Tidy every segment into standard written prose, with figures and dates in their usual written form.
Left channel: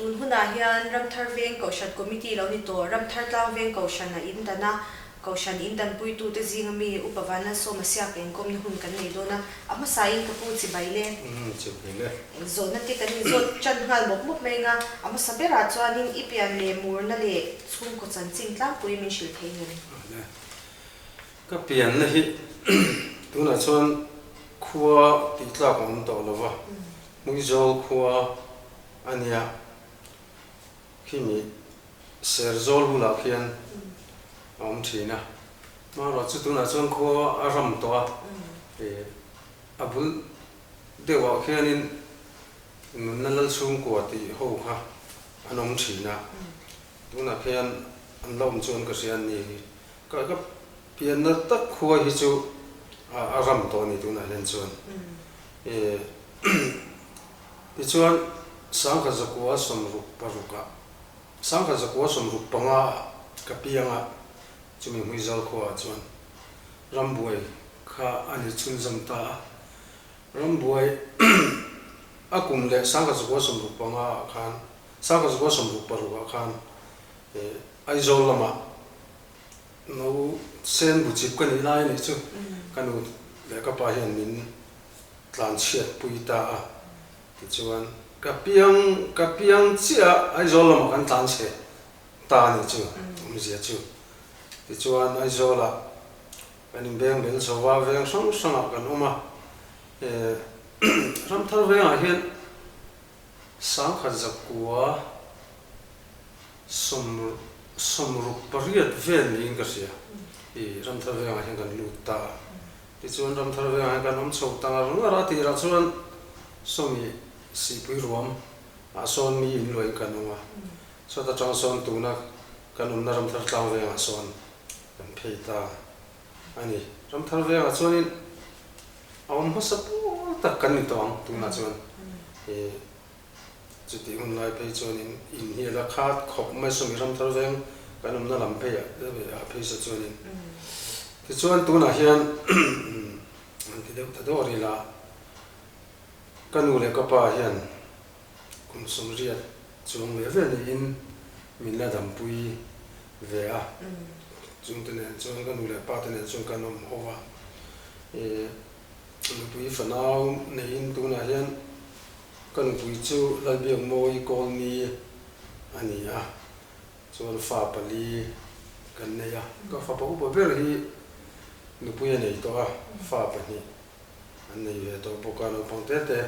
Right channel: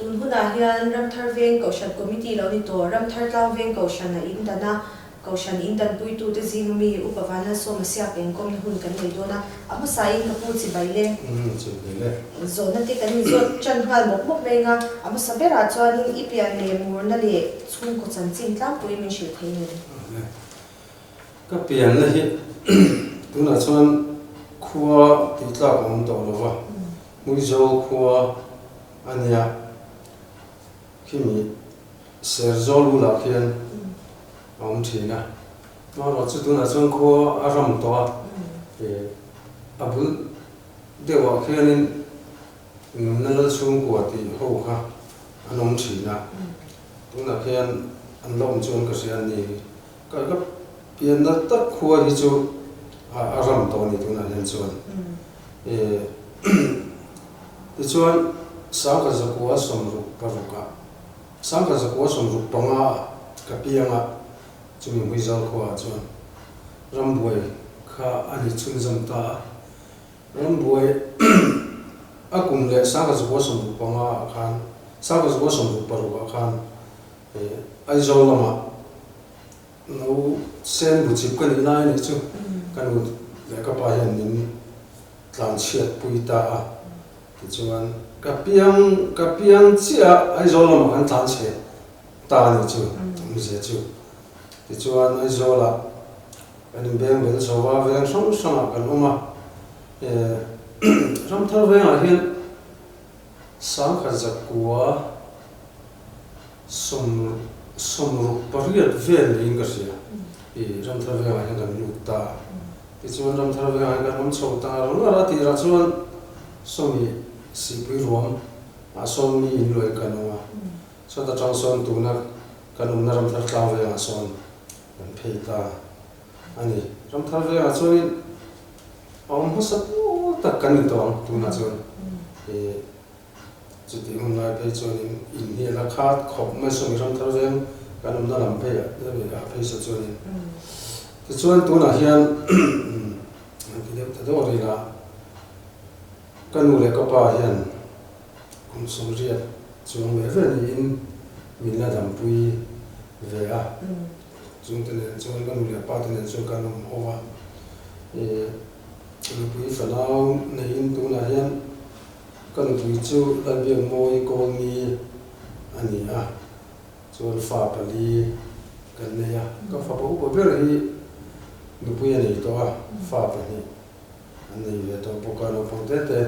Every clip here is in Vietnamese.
tun huna hian ramthar veng kaushan committee lo ni to ramthar tlang veng kaushan na in dana kaushan in dan pui tu te zingami upavana somasya ken kom hun kan nei dona ama sai na pu chi baile chi baile zona te kan zo chan hal mo mo menga ama sabera chuanin ipian le mur na le chung ko chan chim tlang pui min shil thein ka pian na hi tuna chuan khuwa ti tla kon to lova mui zo khuwa ania kimi serzol la khian ông thina mà lo chu tuna chuan khuwa aram to abul dewa khianin nunal chung ko ti ho kha anom thina tuna khian an lom chuan ka sian ni ka pian na tak khuwa hi chu aram to ni tuna nen chuan ti chuan sangka zakua somru paruka sangka zakua somru panga kapianga chumi huizal khuwa chuan rambuai kha ani chunjam ta rambuai akum le sangka zakua somru panga khan sangka zakua somru paruka khan aizol lama no sen bu chip kan ina ni chu kanu le ka pa hian min tlan chiat puita a ti chuan kapiang chia aizol lama kan tlan che ta ni chu mi je chu ti chuan aizola kanin beng bel sowa veng song kan uma ram thar veng a hian sangkha zakua somru pariat vel ling ka sia ram thar veng a hian kan luta ti chuan ram thar veng a hian kan om chho ta ra ti ra chuan somi si pui rom a son mi loi kanwa so ta chang son tu na kanum na ram thar tlang ve a son kan pheita ani ram thar ve a chuan om hasa ta kan ni tawang tu na chuan chuti un lai pe chuan in hi la khat khop mai song ram thar ve kanum na lam phe a phe sa chuan ti chuan tu na hian ti de ta do ri la kanu le ka pa hian kum som ria chung le ve ni in min la dam pui ve a chung te ne chung kanu le pa te ne chung kanum owa lu pui fanau ne in tu na hian kan pui chu lan biang moi kol ni ani a chuan fa pali kan ne ya ka fa pa u ber hi lu pui nei to a fa pa ni an nei ve to pokano ponte te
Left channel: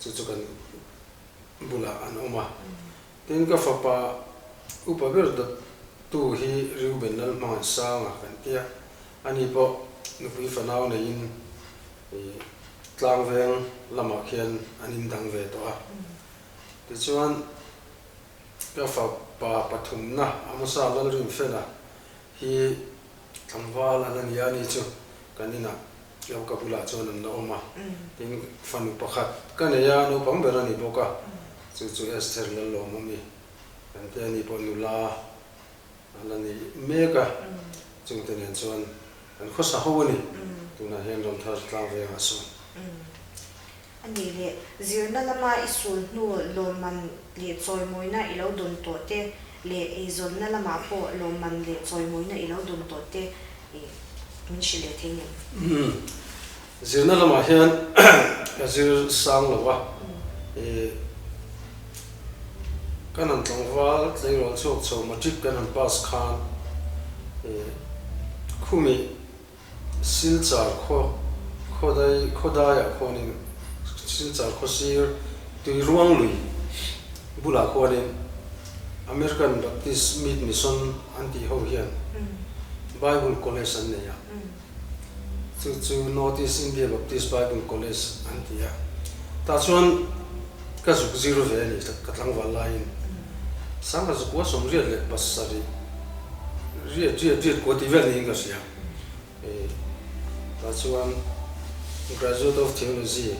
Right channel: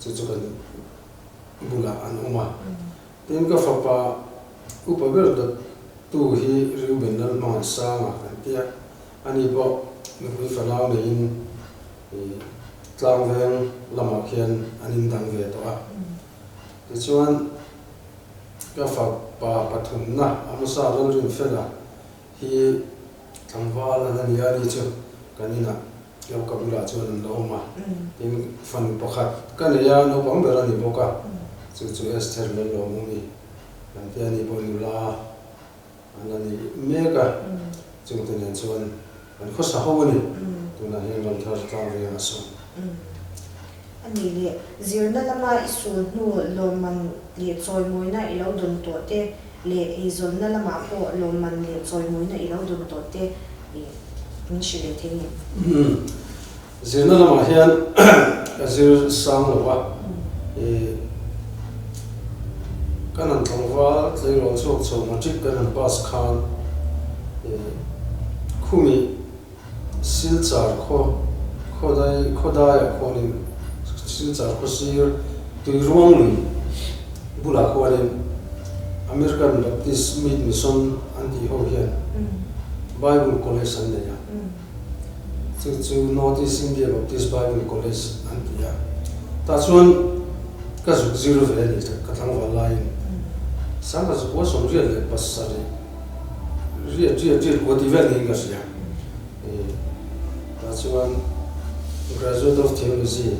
chu kan bula an uma tin ka fa pa upa ber da tu hi riuben lal ma sang a kan tia ani bo nu hui fanau ne in tlang veng lama khian anin dang ve to a ti chuan ka fa pa pathum na amasa rol rim fela hi thamwala na ni ani chu kanina yo ka bula chuan an lo ma tin fan pakhat kan ya no pam ber ani boka chu esther lo mi kan te ani bo la anani mega chung te nen chuan kan khosa ho ni tuna heng ram thar tlang ve a son ani le zirna lama isul nu loman le choi moina ilo dun to te le izon na lama po loman le choi moina ilo dun to te min shile thein zirna lama hian azir sang lawa kanan tlangwa tleiro chok chok majik kanan pas khan khumi silchar khodai khoni silchar khosir tui ruang lui bula khone American Baptist Mission anti ho hian Bible College an ne ya chu Northeast India Baptist Bible College anti ya ta chuan ka zuk zero ve ni ka tlang wa lai sang ka zuk som riat le pasari riat ko ti vel ni ka sia ta chuan graduate of theology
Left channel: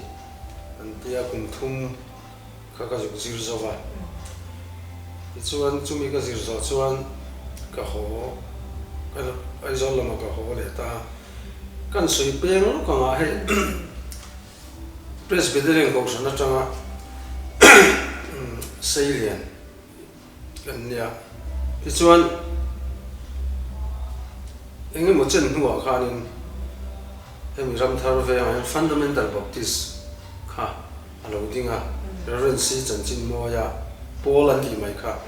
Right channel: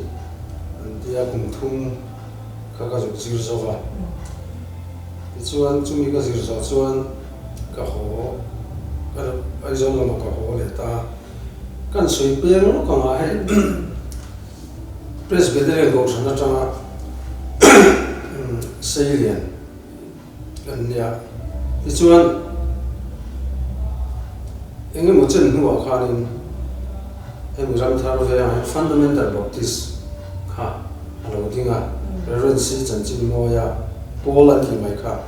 anti ya kum thum ka zuk zero zawa ti chuan chumi ka zir za chuan ka ho ai zon lama ka ho le ta kan sui peng ka nga he presbyterian ko sana changa Salian kan nia ti chuan enge mo chen huwa khanin hemi ram thar ve ang fundamental baptist kha alo dinga ren si chan chin mo ya polan ki mai kha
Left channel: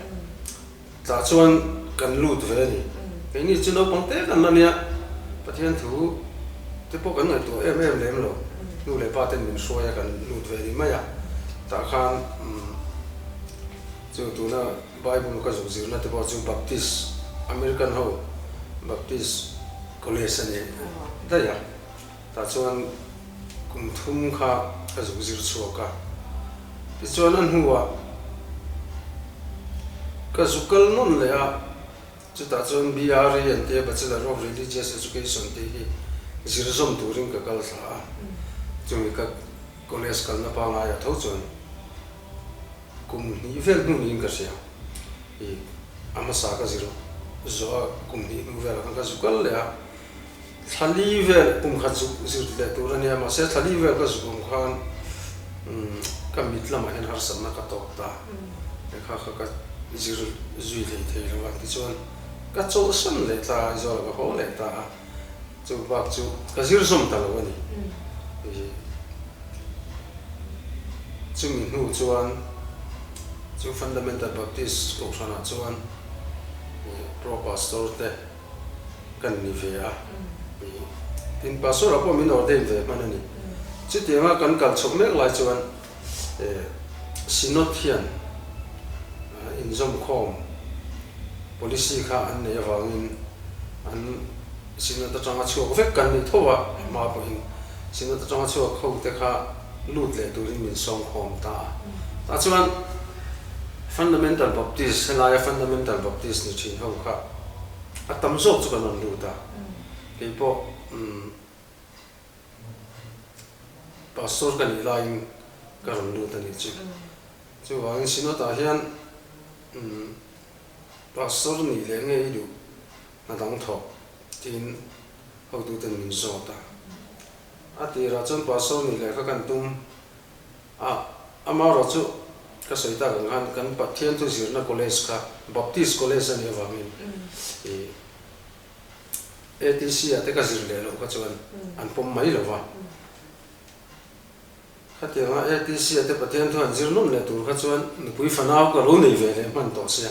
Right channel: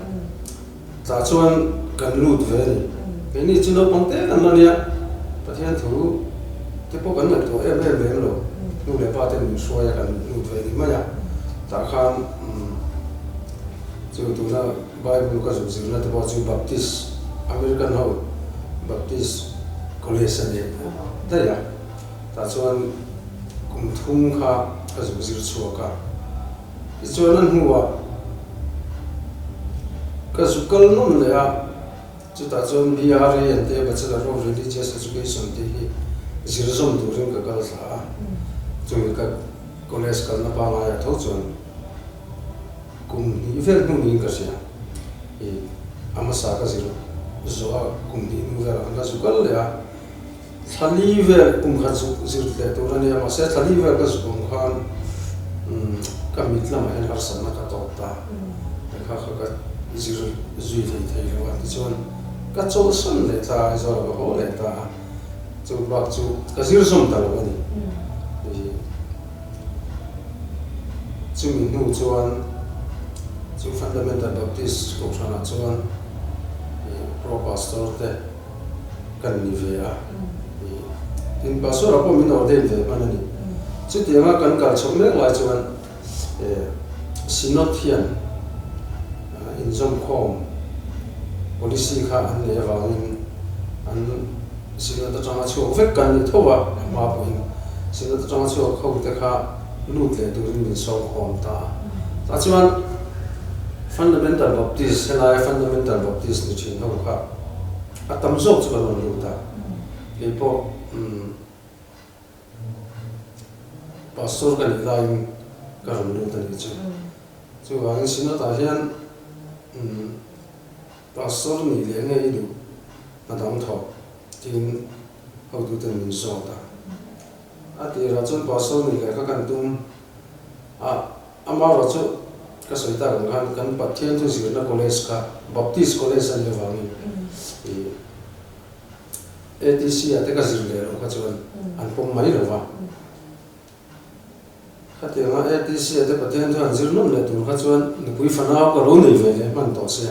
ta chuan kan lut ve ni ni chuno ponte kan na nia pathian thu te po kan to em lem lo nu le pa te nu soya kan lut ve ni ma ya ta khan chu tu na bible ka zu zir na te po chu baptist american ho baptist college ani ta ya ta chuan kum thum kha ka zu zir chu ka ti chuan an huwa ka zu kal non le ya chu ta chuan BRE and the Bachelor of Religious Education te hi zir zom tu ring ka kal sa chu ka college kal na pa ma ya tho chuan kum ni vel nu ni ka sia e amasa ka zir zo kum ni nu vera ka zu kal le ya thali ve kum kha chu zir le tu rani ama se thali ve ka zu kum khan ka mitla ma hen har sam na ka to ta kha ka zir zui le thei lo an ti chuan ka chaw san le ta zo la ho le ta chu bak chu ka zir som ta lo ani chu min nu chuan chu fundamental baptist ko sana chuan pro pastor te kan ni ve a in pastor apo min or de manani chu te ma kan kal chok me lai chuan sinot hian in zom khom policy kha an ne wangin an sinot ta chama chu vek kan ni thowa ma po in sinot ta chama chu kho te kha lut le tu min som khom ta ta chuan fundamental baptist and fundamental baptist ni chin ho kha atam zok chu kan lu ta ke po pastor kan line ka ram lu ta ni chu wang sinot ta hian pastor ni le nge lu na dang tho tin ho du ten min zo ta ati ra chon pastor ni le ka kan tum ama ro chu ka soi ta kan pathian thu zir na college ka baptist college ani awami ATC ate ka zir le lo ka chuan an pom mai lo wa khate ma ATC ate pathian thu an zir nom le tur ka chuan ni pui fanau ka lo nei ve le man to sia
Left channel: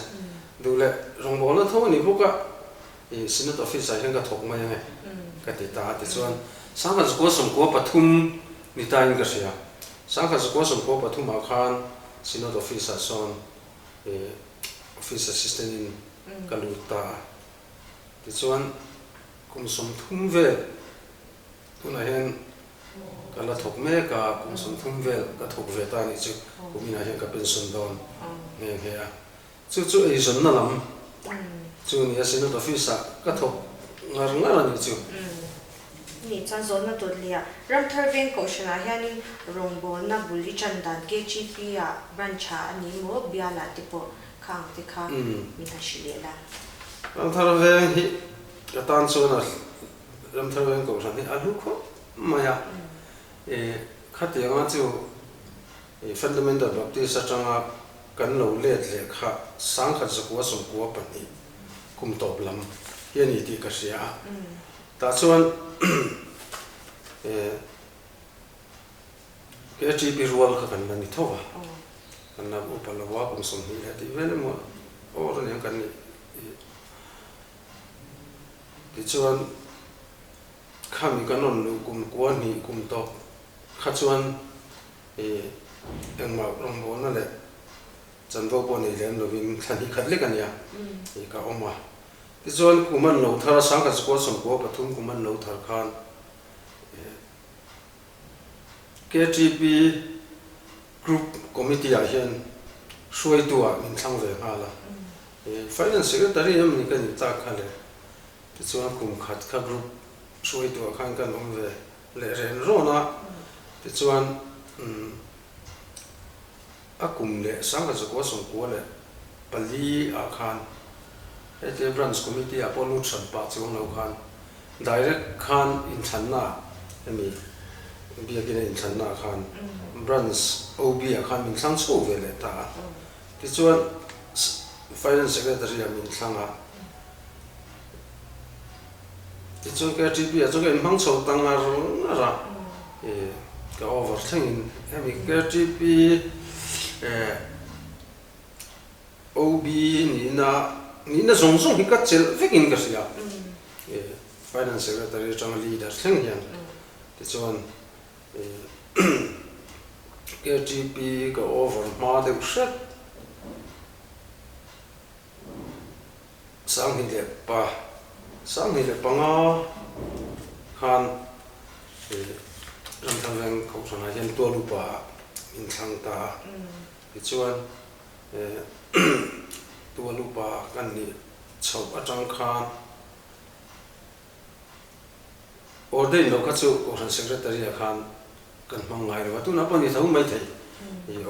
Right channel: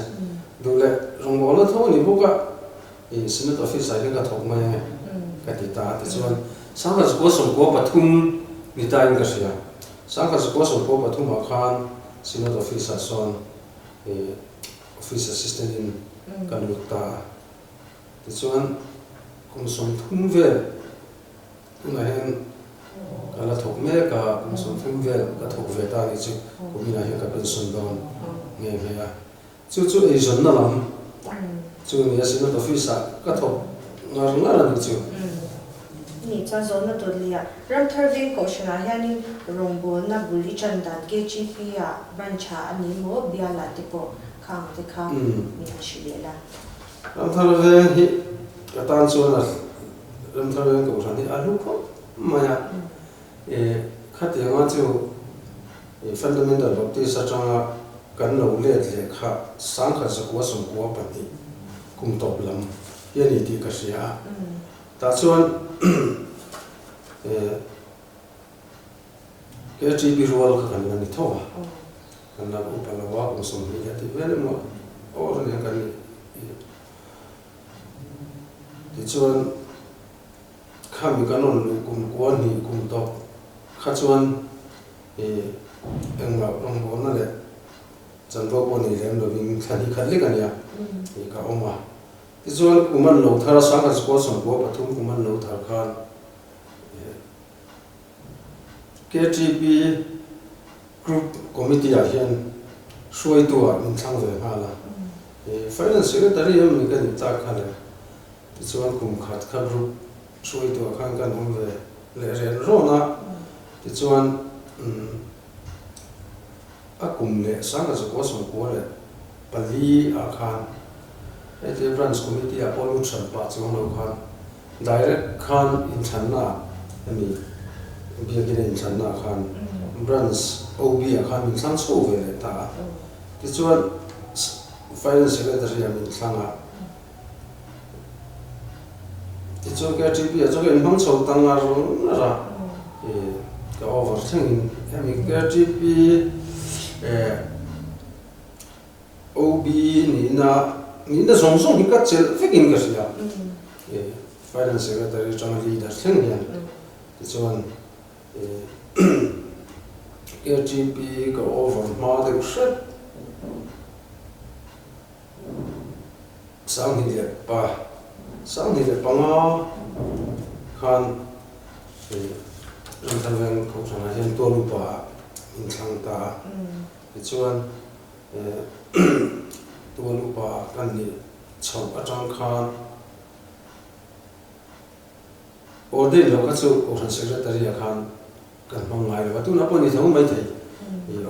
du le rong bo la tho ni bu ka sinat office ai ka thok mai ka ti ta ti chuan sang ka ko som ko pathum ni ta ni ka sia sang ka ko som ko pathum a khan sinat office son office assistant in Kalutta ti chuan kum som thum ve na hen kala thok me ka kum som thum ve ka thok ve ta ni chu kumina hen ka pension don nge nge ya chu ei zon na lam chu ni sinat office ka thok ngar ni chu ni cha zo na to lia ram thar veng ko shana yani rongbo na buli chandan KGP ya brancha ani mo biala tipo khang te kha mi na shilela ram thar veng hi atan so na ram thar veng ko shani alu ko maya khate nga chu fundamental baptist atanga kan lo le le kha sang kha zakwa som ko pani kum top lam yani ti ka sia ta chuan KGP rual ka kan ni thowa kan na upala wa kum som ni ati vele mo or ne kan ti chuan khami kanon lu kum ko ni kum to kha chuan engma rong bo na le chan do bo ni len lo wing thani khat le kan ya ka oma ti chuan kuman lo thar sang ka ko som ko pathum kuman lo thar khan KGP group committee a hian suai tua min thang ve hala finance secretary em ni kan ta kha le ti chuan kum khat kha group suai tua khan kan om ve le ren ro na ti chuan a kum le sang ka ko som ko le pali a khan ete branch committee a pollution pa chu no khan direct khan in thanna ami biagin in thanna khan branch OB a khan min sang so ve le ta ti chuan finance secretary amin thlanga ti chu ka GP a chu in hang chho tanga ra ka over thing ami ka GP OB ni na zong zong hi ka chel fekin ka sia finance secretary chang leader thing yan ti chuan GP ka over ma de shet sang hi le pa nga khan ram thang veng ko sang hian to lu pa in thang ta ti chuan to lu pa kan ni chho atang khan order lo ka chu ko san secretary khan kan mang ngai wa tu na pa ni thau mai thei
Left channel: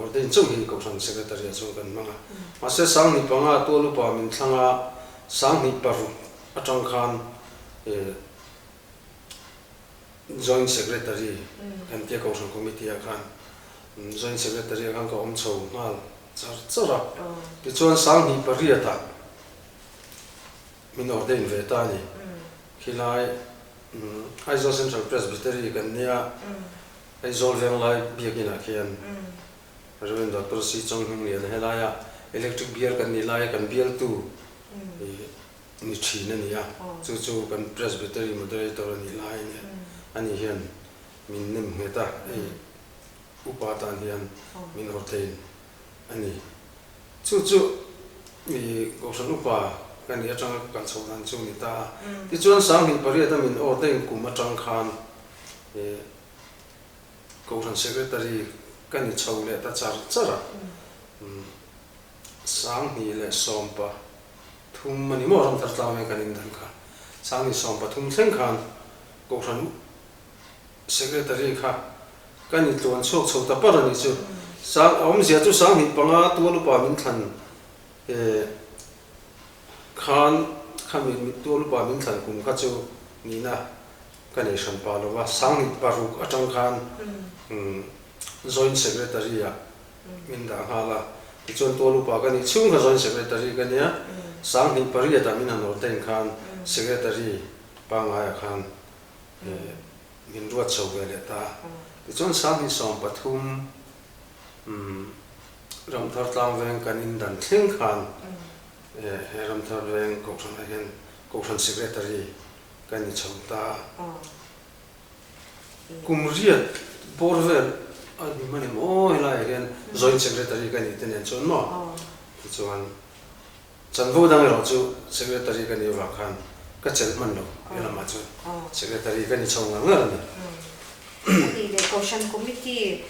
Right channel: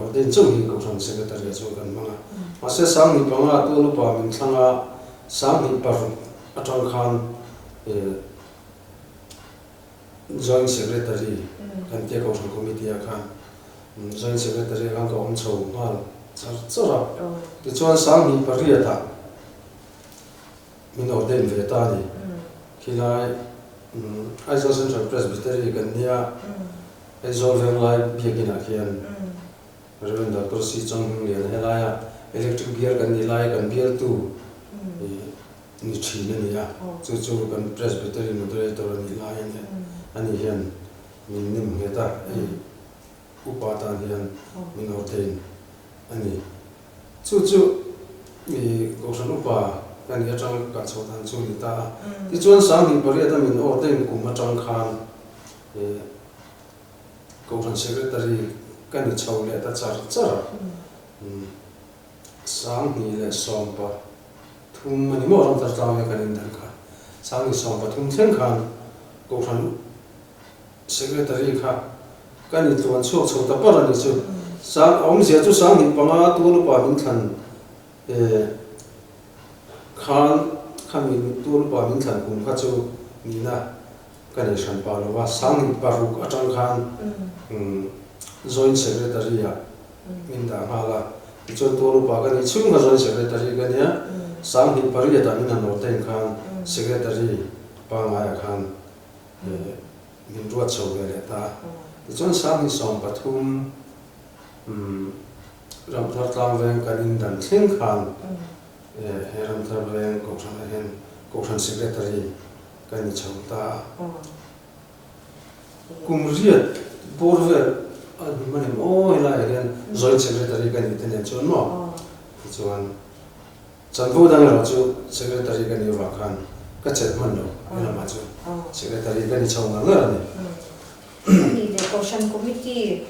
order chu hi ko san secretary chu kan manga ma se sang ni pa nga to lu pa min thanga sang ni par atang khan joint secretary kan te ko san committee khan joint secretary khan ko om chho ngal chara ti chuan sang ni pariata min order ve ta ni khilai Aizawl Central Presbytery kan nia Aizawl veng lai biakina khian Reverend Dr. C. Chong Hing lian helaya electric bial kan ni lai kan bial tu ni thina nia chu kan Presbytery moderator ni lai ni ani hian min nim heta upatan hian min ordain ani chu mi ko san upa kan ya chang ka chodan chu ni ta ti chuan sang ni pariat min ordain kum atang khan ko san secretary kan ni chho le ta chara sang ni le sompa thum mani mo ram tar ta me kan in dan kha sang ni sompa thum thleng khan ko san secretary kha kan ni tuan chho ta par ni chu sang om sia chu sang ni panga tu lu pa min than khan min tu lu pa min than kum kha chu ni na kan ni san pa lo wa sang ni paru atang khan joint secretary ya min da hala chuan tu lu pa kan ni chung joint secretary kan ya sang ni pari ta min an ordain khan secretary pa nga khan min ruat chho le ta chuan sang ni som pathum ram thar tlam veng kan in dan thleng khan ram thar veng ko san hen ko san secretary kan ni chho ta kumriat borver ani mani mo ila again joint secretary kan ni ten chuan mo chuan chanbu dang ro chu secretary kan ni wa khan ka chel man lo ela ma chu secretary kan ni chho nga nga ni de caution committee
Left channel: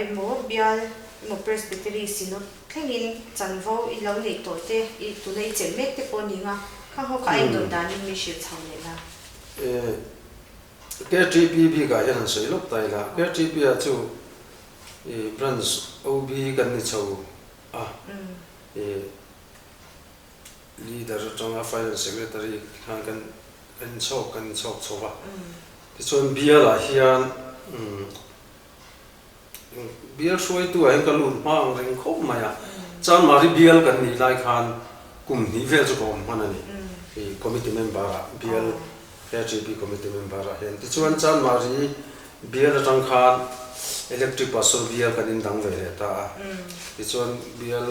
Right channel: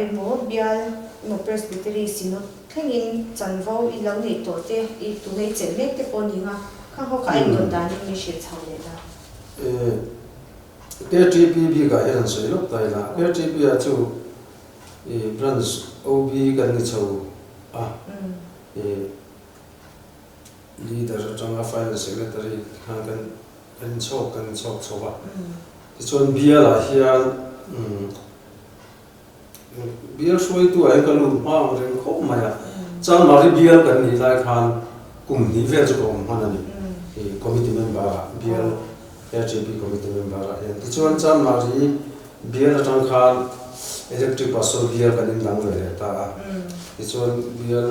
emo bial no presbytery sino thengin chanvo I lo nei to te I tu nei chen mek te pon ni nga kha ho ka in don dan mi shil chho le na KTPB ka yan soi lok tai la KTP a chu branch OB kan ni chho leader changa finance secretary kan chok chowa ti chon bia la hian bial soi tu ai ka lu ma ring khop ma ya chan mari bial kan ni lai khan kum ni vel chu kom hanani committee member bial KTP committee member hian ti chuan chan mari bial atang khan electric pasol bial kan in dang ve ta ti chuan bial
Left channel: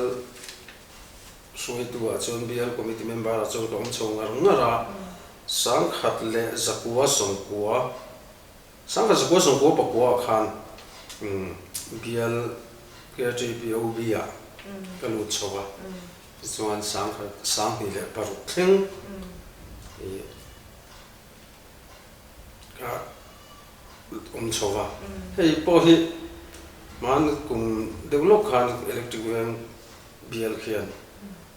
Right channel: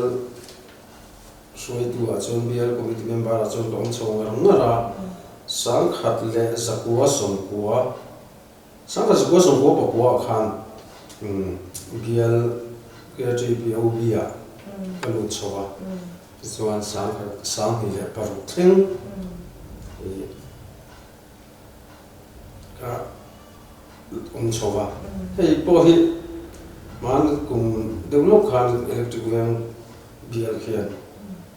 soi tu a chuan bial committee member a chuan kom chong ngara sang khat le zakua songkua sang khat zakua songkua pakua khan bial KTP OB a kalu chowa chuan sang ni le paru thleng ka chowa hei po hi man kum develop khan electric weng bial khian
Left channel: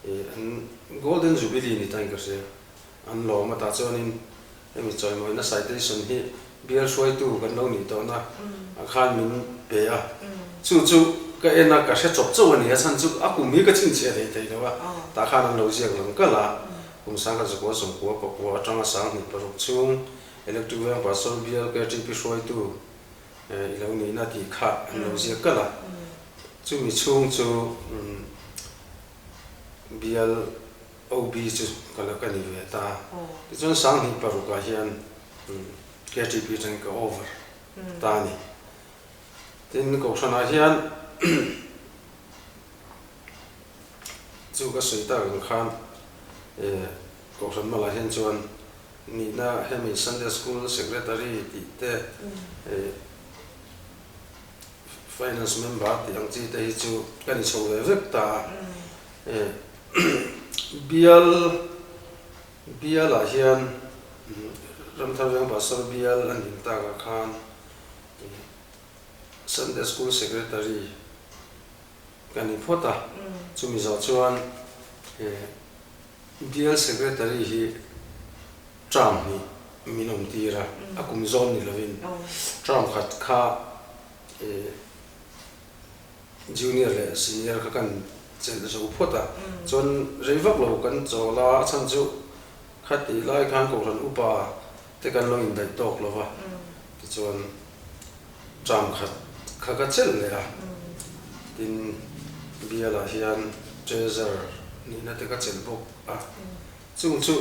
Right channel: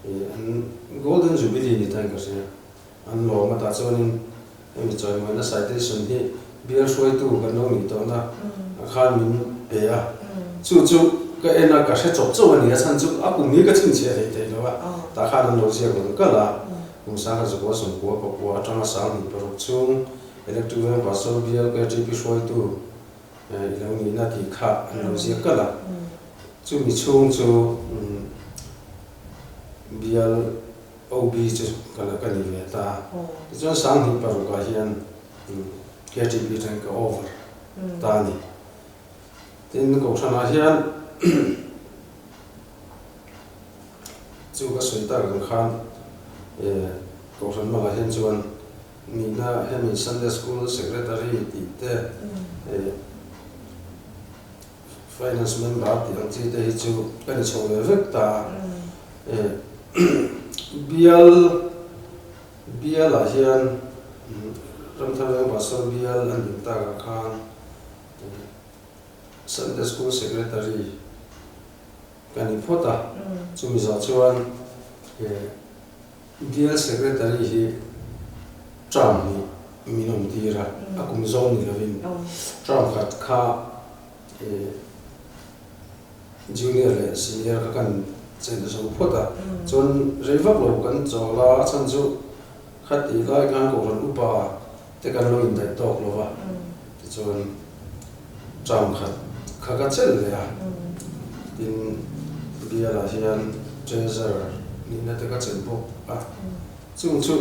an golden jubilee ni tai ka se an lo ma ta chuanin emi choi moi na citation hi bial soi tu kan lo ni to na khan min pe a chu ka ena ka se chop chaw ani a chan chu a kum ni ka chin che rei thei lawa ta khan lo je lam ka la kum sa ka zo so ko ko atanga sang ni parok chung electric weng pasol bial KTP soi tu lo ni na ti kha lo je ka la chu mi chung chu bial OB chu kala kani ve ta chuan sang hi paru ka hian KTB tang ka over ta ni tin ko sana hian chu ka soi ta kan khan ko san mala hian chuan ni na hemi Sunday school secretary ti te finance member ti ang chi te hi chu kan chho ve vek ta bial a hian ram tharang basal bial an ta ka khan Sunday school secretary kan phota chu mi za chuan bial secretary hi Trump ni minom tira akum zon ni lovin Trump khat kha junior le senior ka kan chen so phota chon reivak lo kan chola chan chu khat i lai kan ko ran upa te kan lo in dai tok lova ti chon Trump khat kha ka chel le a tin biala hian treasure ni na te ka chen bok a chung chu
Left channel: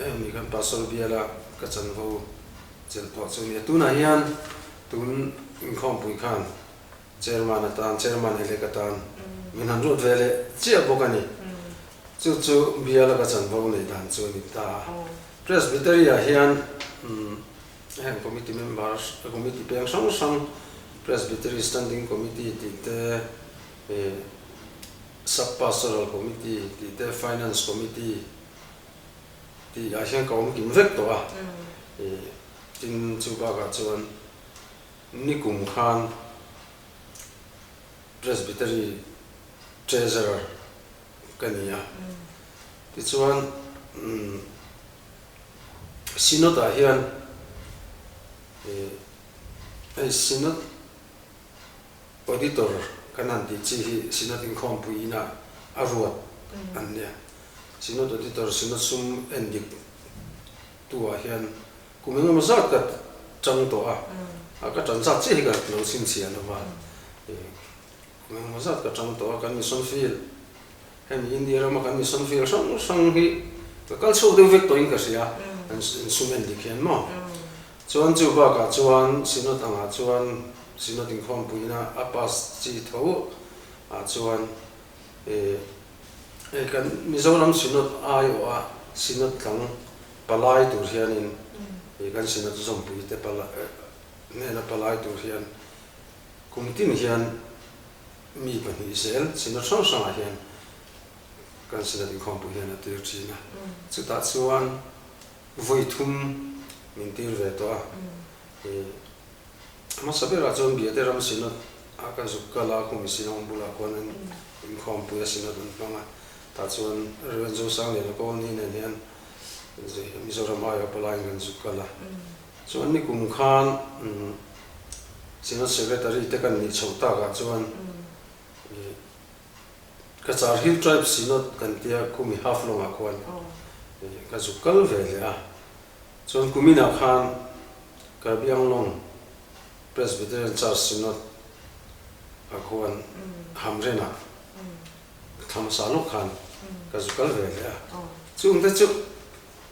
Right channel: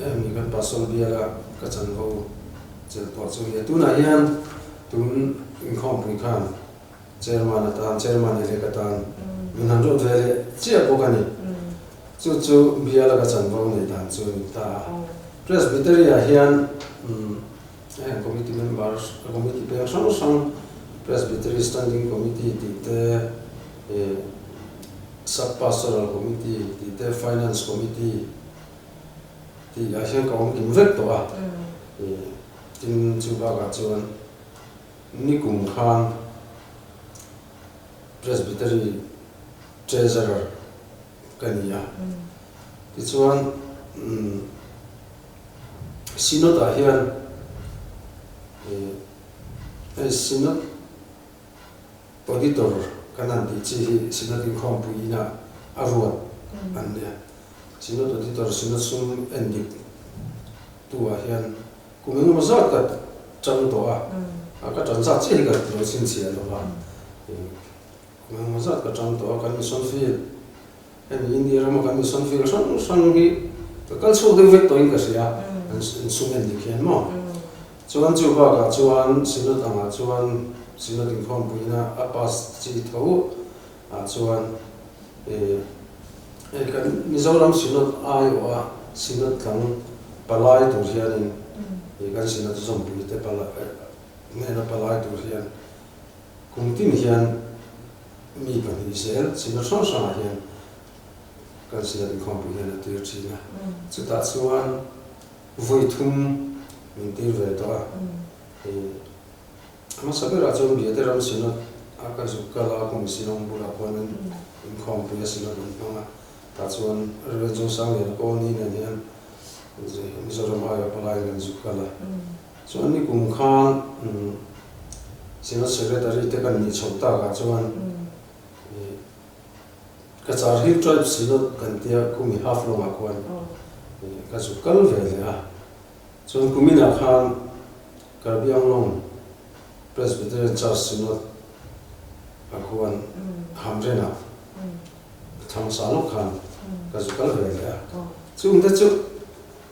mi kan pasol biala ka chan ho chel po chu mi tu na hian tun in khom pui khan chairman le ka tan min han ro vele chia bokani chu biala ka chan ho nei dan chu ni ta presbytery a hian committee members committee pe sang presbytery standing committee ti te sub pastoral committee ti te finance committee ti a hian kaum in vek to a tin chu ba ka chuan nikum khan presbytery treasurer kania ti chuan synod a hian synod auditor kanan ti chi hi synod in khom puina aruat ania synod auditor synod sum endik tu a hian kumeng ma zat ka chang to a ka chan sa chi ka lo sin sia lo ba kumeng ma zat ka chang to a kan mission field hem india ma kan mission field sang hi ka kal so de vek to in ka sia an sum endik hian mo chuan chu ba ka chuan synod anga chuan synod in khom puina apas chi tho a chuan kan Mizoram synod ayo a synod tlang palai tur hian in kan synod zom pui te pala ne na palai tur hian kumtin hian mi kan hi sel synod sang sang hian kan synod in khom pui hian te china chu ta chuan voi thum min tir ve to a ma sabe ra chon bi te ram synod aka zukala ko misinong bula kon in khom pui synod nonga ta chuan revenue sang le ko ni ne hian Mizoram ayo palai kan zukala chuan ni kum khan synod secretary te kan ni chhota ka chuan ka char hi tribe synod kan tia kumi half long a kon ka zukal ve le a chuan kumina khan ka biang long presbyterian church synod a kon hamrena tham saluk khan ka zukal ve le a chung te chu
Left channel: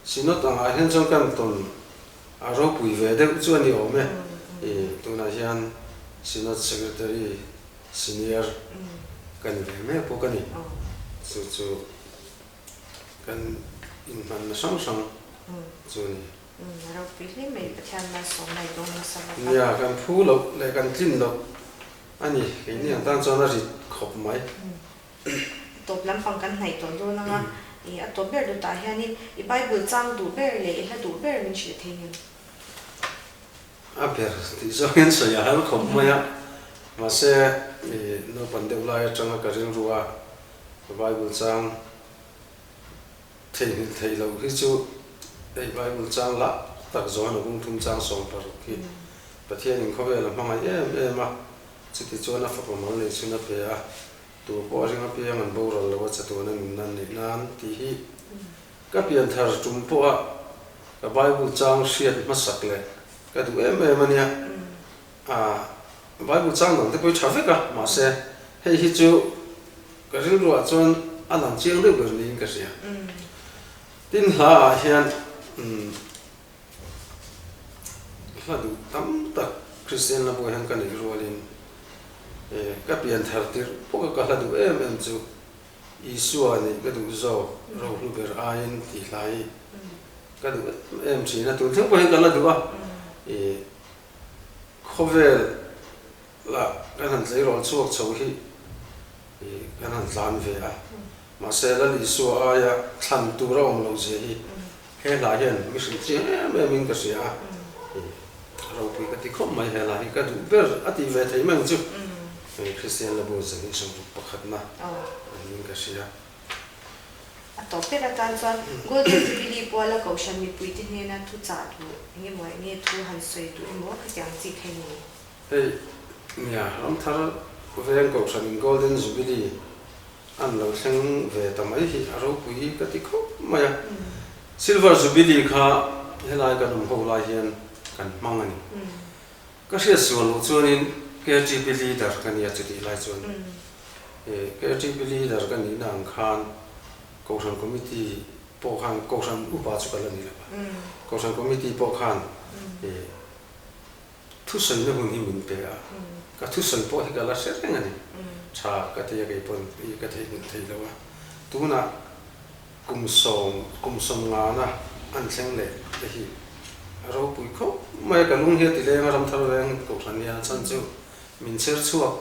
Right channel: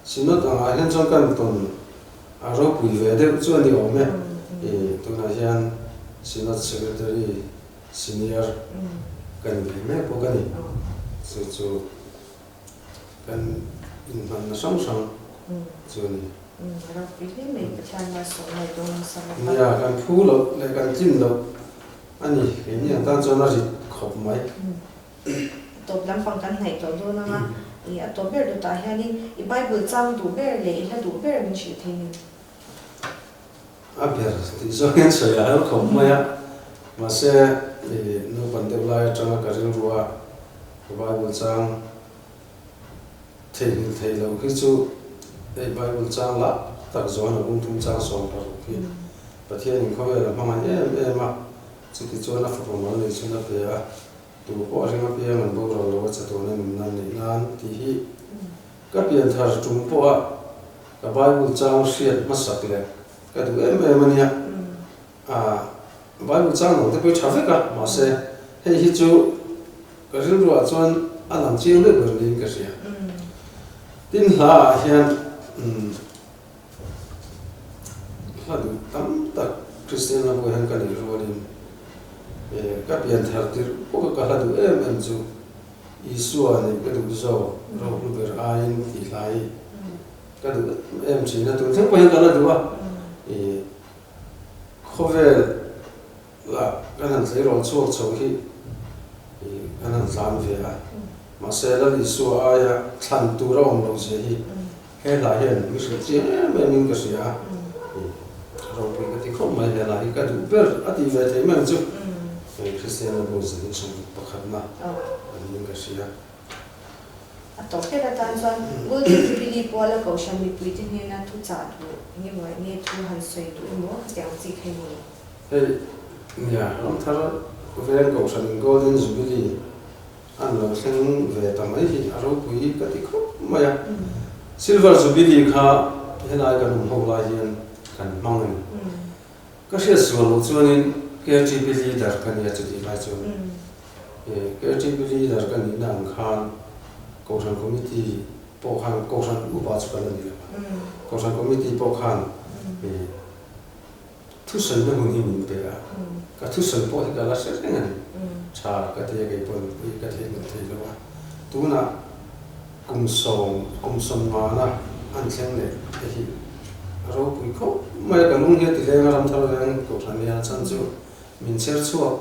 synod a hian chang kan ton a ro pui ve de chuan ni ome tuna hian synod secretary senior kan ve me po kan ni chu kan in man na sang chu niเราไปที่เมกชันมาส่งในตรงสระ เนี่ยกันพูเราในกันจิ้นเราอันนี้เห็นอย่างตั้งจอนาริขบไหม ตบลำฟังกันไหนตัวดูนะคะตัวเบอร์ดูตาเฮียนี่อีใบเบอร์เจ้าดูเบอร์เลยถ้าดูเบอร์มันชื่อเท่นี่ อาเบอร์ที่จะเห็นสยามขบไหมอะมาเสโนปันเดบลายจังการิงรัวใบบุญจังเทนิลเทเราคือจูใบบุญจังละตักจวนกุ้งทุ่งจังสองปารุกิประเทศนึงเขาเวลาพมันมาจุดที่จวนนักฟุตบอลเลยชุนนักเตะตัวปอริมาเปียมันบูรอเราว่าจะตัวนั้นนั่นนี่นั่นที่ก็เปลี่ยนทางจุ่มปอกับใบบุญจังเสียดมาสักเลยก็ดูมันเนี่ยใบบุญจังหลังที่ไปชาฟิกอะมาเสให้ฮิจูก็เรื่องว่าจวน alam chiang de berlin ka sia tin hla hian hadu tam tak Christian la bo han ka ni rolin ka pian thar tir po ka hadu em chu Isua ni ka du zo ro lu ber ain ti lai ka du em chi na tu thang po han ka la du ba khovel la kan han sei ro chuak chho hi kan han zan ve a ma se la Isua ya than tu ro ong lo je hi he la hian mi shi chi em min ka sia ro pu ka ti khom mai he la hi ka du ber ati ve te mang chu Christian la bo ze chung pakhat na min ka sia a to pe la tan chuan golden jubilee pawla ko shan mi pui tin he na thu cha tu nge moi nge thu han soi tu mo ka tiang chi khe ni hey ya ram thara ven ko shan golden jubilee an lo thleng ve ta mai hi aro pui ka ti khop maya silver jubilee kha helai ka dum ho la hian kan mangani ka sia suan lo chuanin KGB dar kan ya chi lai chuan KGB dar kan ni nang khan Kausan committee po khan kausan upa chu kan ni la kausan committee po khan thu san na hun hi min pe a ka thu san po hi ka la se nga ni cha ka te ge pon i ka te ni te lo wa tu na kum som nga na an thleng le te hi ro pui kho mai ka lung he ti le nga ram thar reng kausan ya chan chu min ser chuak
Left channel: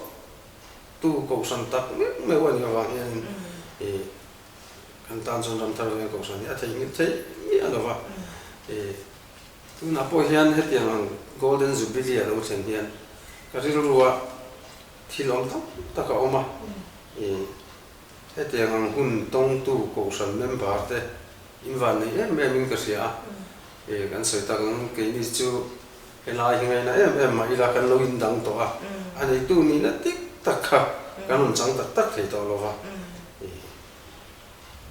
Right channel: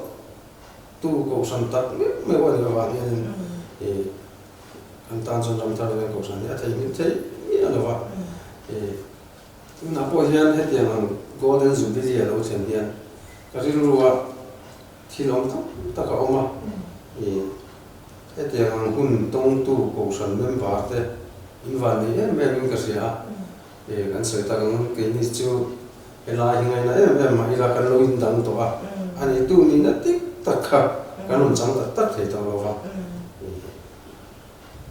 tu kausan tak me wa ni wa hian an tan chon ram thar reng kausan ya thei ni thei ni ala wa tu na po hian he tiang ang golden jubilee lo chen dian ka ri ruwa thilom ta ka oma he tiang ang hun tong tu kausan member te invan ni em min ka sia kan soi ta ang ke ni chu ela hingai na em ma ila kan lo in dang to a ani tu ni na tik tak kha kan chang tak tak thei to lo wa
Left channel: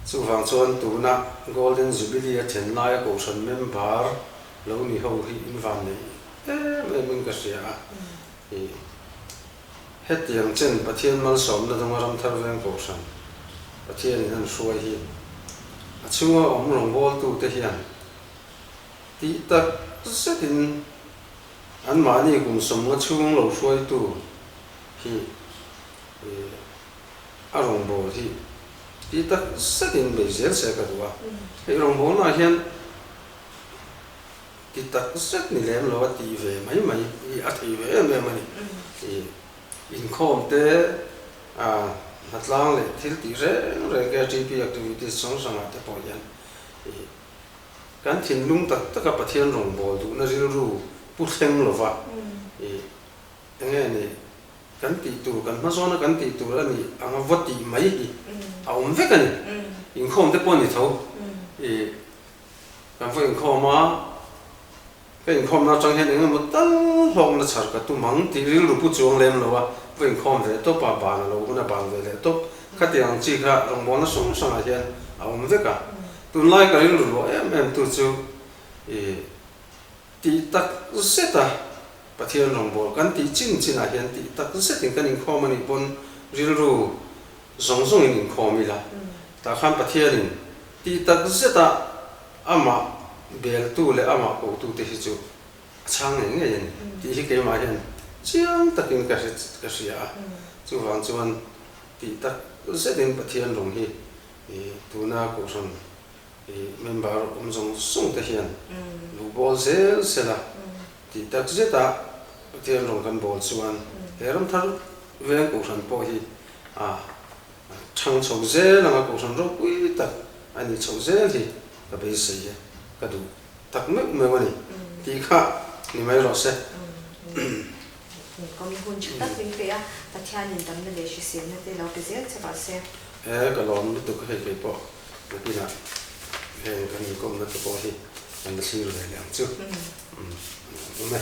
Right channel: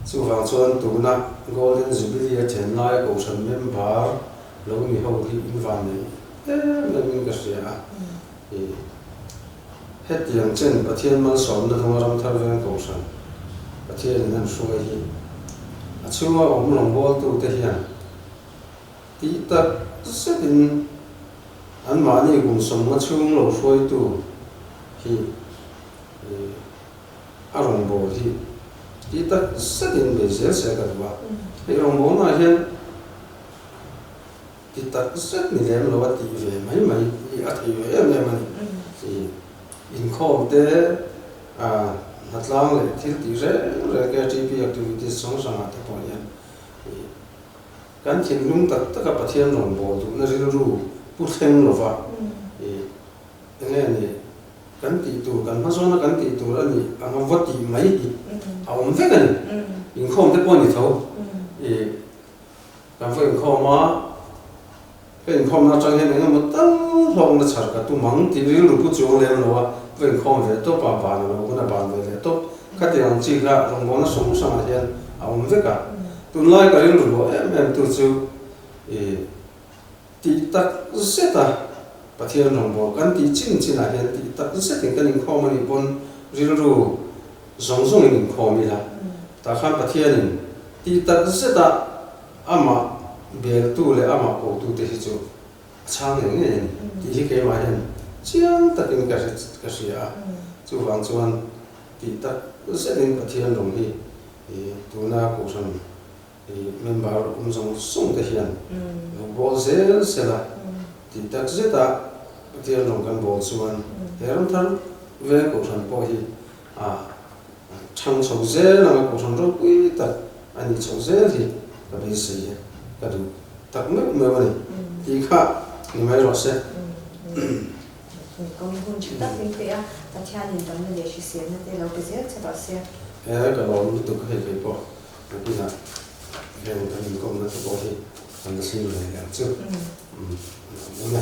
chu wang chuan tu na golden jubilee chen lai kausan member lo ni ho ri invan ni min ka sia het yang chen pathian mal som na dang ram thar veng kausan pathian nan suai hi a chunga om long bol tu te hian ti tak setin an mani kum som nga chung lo suai tu hi a rong bo hi ti tak setin be zel se ka wa he rong bo na hian ti tak set ni lem lo wa ti ve mai a ti ve me mani in khom te a hatlang le thil ti re ke GP activities song sang ate ko yan kan thin lung tak taka pathian rong bol tu na ri ru pu thleng lo wa nge ni kan ti tu kan ma zona kan ti tu ani anga voti mai a om ve kan in khom te pon ni tho kan foi in khom ma cái khom na trong hiện nay một tấn long nó chặt cả tu măng thì riêng lúc chuông lên rồi với khom về tốt bà bàn rồi cũng là bàn về tốt các tiền chi cả trong món nó sống sang hiện ông biết cả tu lại cái riêng lúc em tu chú thì tắc sẽ ta bà thiên trong bộ cái thì chính là hiện thì tắc sẽ tính cái những khom này bon riêng lúc giống những khom là ta khám bà thiên thì tắc sẽ ta ama bel tu le ama ko tu te chu chang ne nge ti hi ke ma hian chiang takin ka sia chu wang chuan ti tak se den pathian rong hi tu na ko son member zong song te hian lo bol zel sela ti tak zeta pathian rong kan bol chuan heram thar ve ko son po hi chang chou zel na ko son ro pui tak ani chou zel hi ka be se cái đủ thật mức mà vậy thì khác thì mấy rồi sẽ còn con chúng ta bên kia ta theo nhìn tấm là để xem nó để lâu cái gì cho bà xem cái đó mình tụi cái hay bỏ cái gì nào cái mình công nó tụi bỏ thì mình xin rồi làm trước đúng không